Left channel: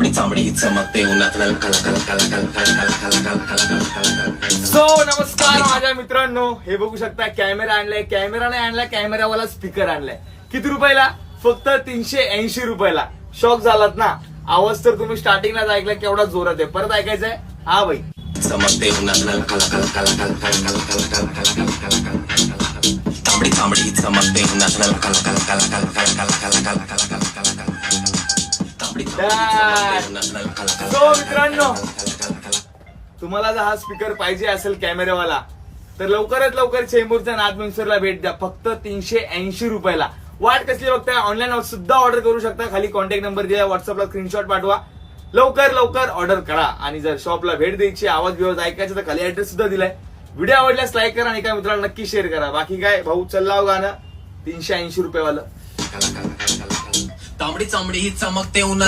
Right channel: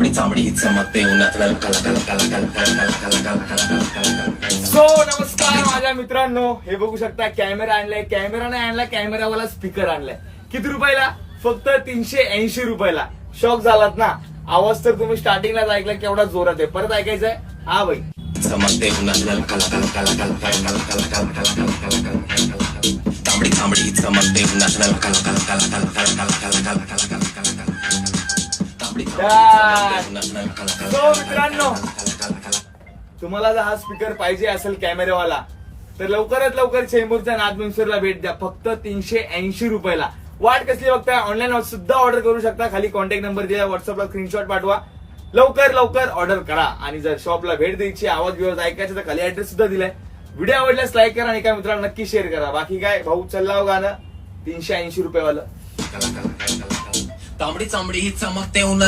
तांबडी चांबडी ही चमकते उन्हात कल कल कल कल कल कल कल कल कल कल. सो नमस्कार माझ्या मित्रांनो, हे बघू शकता कॅमेरा आणलाय. कॅमेरा नाही आणलाय, कॅमेरावाला स्पीकर आणलाय. किती रुपयाला? फक्त 380 रुपयाला. शॉक झालात ना? आवाज तर तुम्ही स्टार्टिंगलाच ऐकला केवढा जोरात आहे. परत ऐकायचंय? हा भाई. चमकते उन्हात कल कल कल कल कल कल कल कल कल कल कल कल कल. तांबडी चांबडी ही चमकते उन्हात कल कल कल कल कल कल कल कल कल कल कल कल कल. तांबडी चांबडी उन्हात कल कल. सो मित्रांनो, तुम्हाला जर हा स्पीकर पाहिजे असेल कॅमेरावाला तर लवकरात लवकर चेंबूरच्या नादमंसरला भेट द्या. फक्त 380 रुपयाला. वाट कसली बघताय? ऑनलाईन सुद्धा ऑर्डर करू शकता. खाली कॉन्टॅक्ट नंबर दिला, व्हॉट्सअपला स्क्रीनशॉट पाठवा. लवकर लवकर ऑर्डर करा. आणि जर शॉपला भेट द्यायची, आवाज बिवाज ऐकायचा तर खाली ऍड्रेस सुद्धा दिलाय. व्हिडिओ आवडल्यास लाईक करा आणि एका मित्राला नक्की शेअर करा. बाकी काय भाऊ, चल्लाव गाणं 380 रुपयेवालं. तांबडी चांबडी ही चमकते उन्हात